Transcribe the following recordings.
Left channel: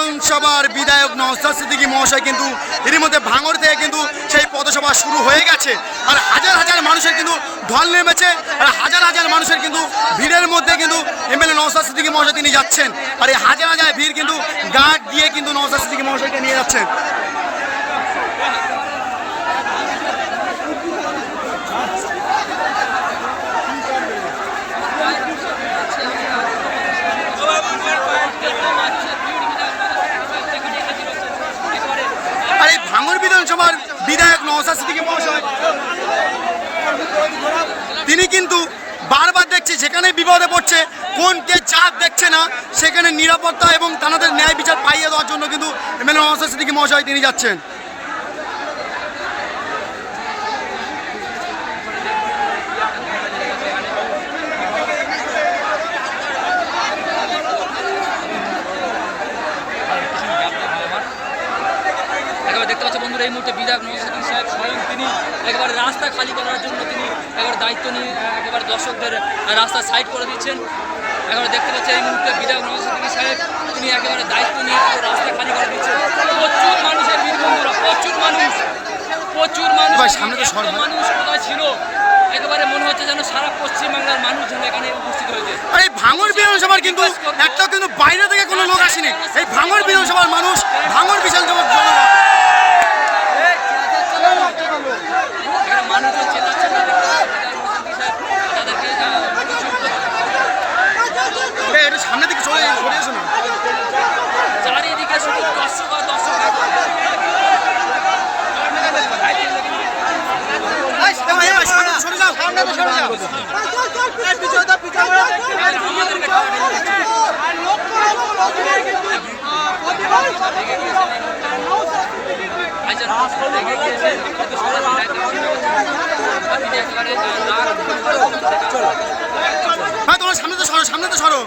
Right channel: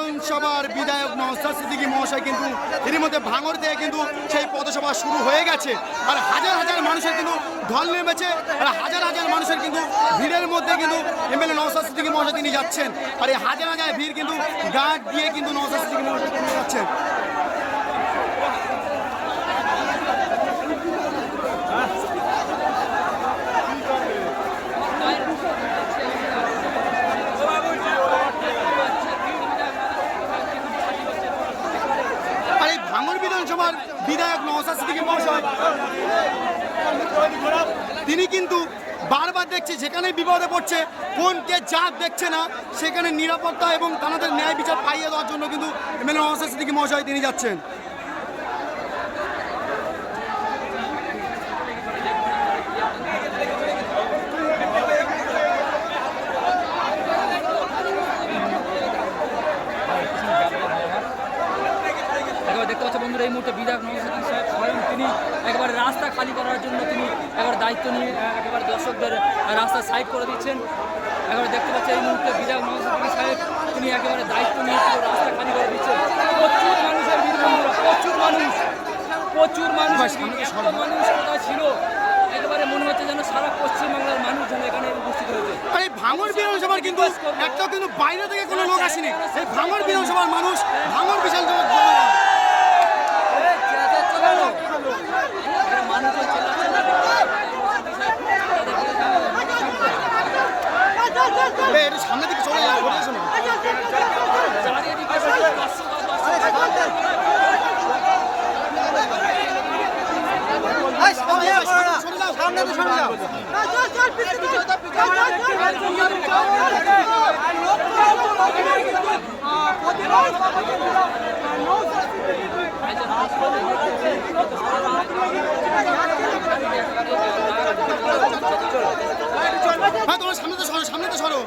বিধানসভার বিধায়ক নওশাদ সিদ্দিকী মহাশয় কিন্তু এর মধ্যে ভাঙড় থেকে কিন্তু সেই পথসভা শুরু হয়ে গেছে। আর হাজার হাজার মানুষের কিন্তু ঢল নেমেছে, আর হাজার হাজার মানুষের কিন্তু ভিড়ের মধ্যে কিন্তু এমএলএ নওশাদ সিদ্দিকী মহাশয় তিনি যাচ্ছেন। আর এই হাজার হাজার ভিড় কিন্তু গার্ড দিয়ে কিন্তু নওশাদ সিদ্দিকী মহাশয়কে নিয়ে যাচ্ছেন। ভাঙড় বিধানসভার বিধায়ক নওশাদ সিদ্দিকী মহাশয় তিনি কিন্তু বারবার দেখছে যেখানে বিপদে পড়ছে কোন কে জাত দেখছে না, সেখানে নিরাপত্তা এবং তাদের ন্যায় বিচার পাইয়ে দেওয়ার জন্য কিন্তু এমএলএ নওশাদ সিদ্দিকী মহাশয় তিনি যাচ্ছেন। দেখতে পাচ্ছি বন্ধুরা, এই মুহূর্তে বিধায়ক নওশাদ সিদ্দিকী সাহেব স্বয়ং তিনি একেবারে রাস্তা খালি করার জন্য তিনি একেবারে দায়িত্ব নিয়ে একেবারে দর্শকদের রাস্তা সাইড করে দিচ্ছেন। একেবারে দেখতে পাচ্ছি এই মুহূর্তে বিধায়ক নওশাদ সিদ্দিকী সাহেব তিনি একেবারে দায়িত্ব নিয়ে পুরো রাস্তা খালি করে দিচ্ছেন। প্রচুর মানুষের ভিড় বন্ধুরা, প্রচুর মানুষ সামনে তো মানুষ কোথায় ছিল, একেবারে মনে হচ্ছে যেন সারা পশ্চিমবাংলার মানুষ যেন এখানে উপস্থিত হয়েছে। আর এই ভাঙড় বিধানসভার কিন্তু একটা কিন্তু বাইরে থেকে কোনো লোক আসেনি, এই ভাঙড় বিধানসভার মানুষ, ভাঙড় বিশাল জনগণ সামনে দিকে চলে এসো না। চারিদিকে শুধু দর্শক আর দর্শক। হ্যাঁ তোমার সামনে তো সরো, সামনে তো সরো,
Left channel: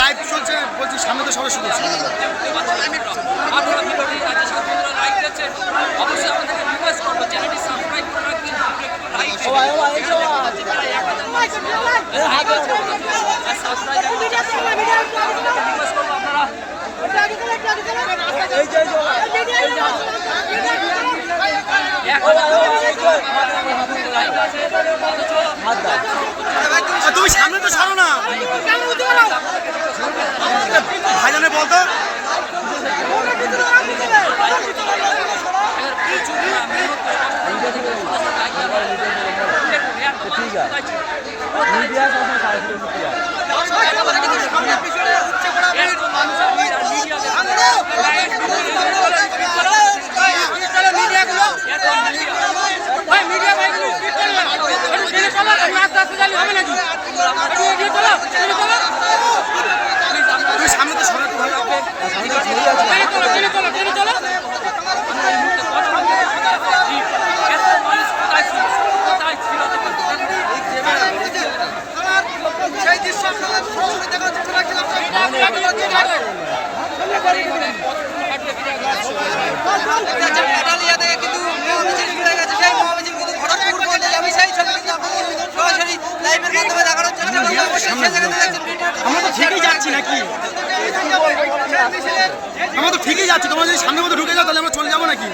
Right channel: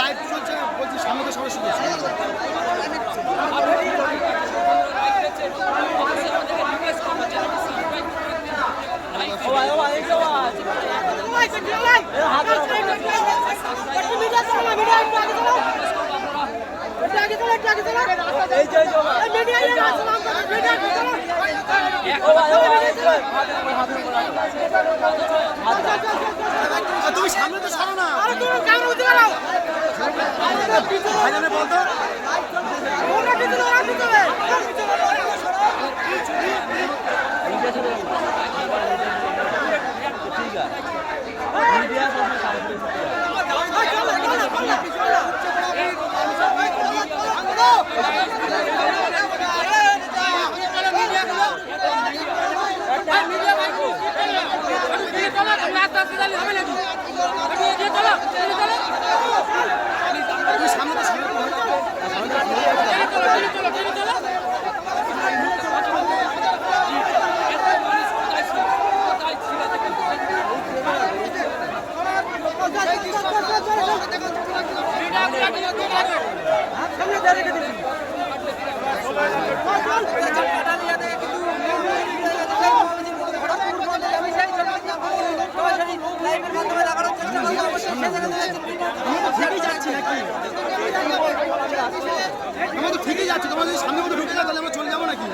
লাইভ চলছে বলছি, সামনে তো সরো শুধু। তুমি সামনে তো সরো না, ভাইজানে বলতো সামনে তো সরো। আমরা তো ঠিকই যাচ্ছি, তোমরা যদি সামনের মধ্যে ঢুকে যাও তাহলে আমরা চলে যাবো নাকি?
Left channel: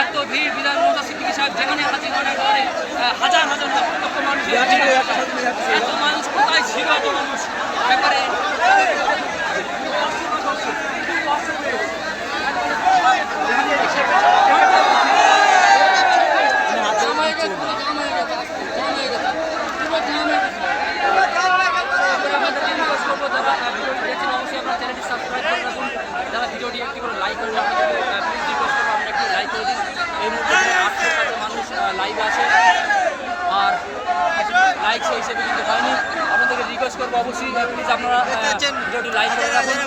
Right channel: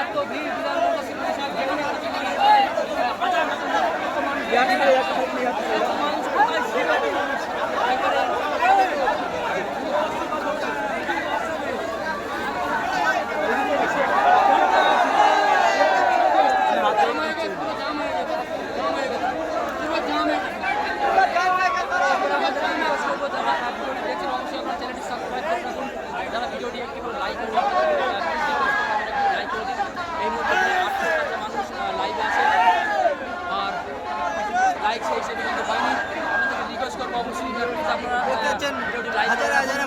এত ভিড় বিধায়ক নওশাদ সিদ্দিকী সাহেব যেখানে হাজির হওয়ার পরে হাজার হাজার মানুষ, এত মানুষ কোথায় ছিল, এত মানুষ ব্যাপারে লাইক সেই হিসেবে কিন্তু হয়নি। আপনাদেরকে রিকোয়েস্ট করবো অবশ্যই প্লিজ আপনারা ভিডিওটি লাইক করে রাখবেন।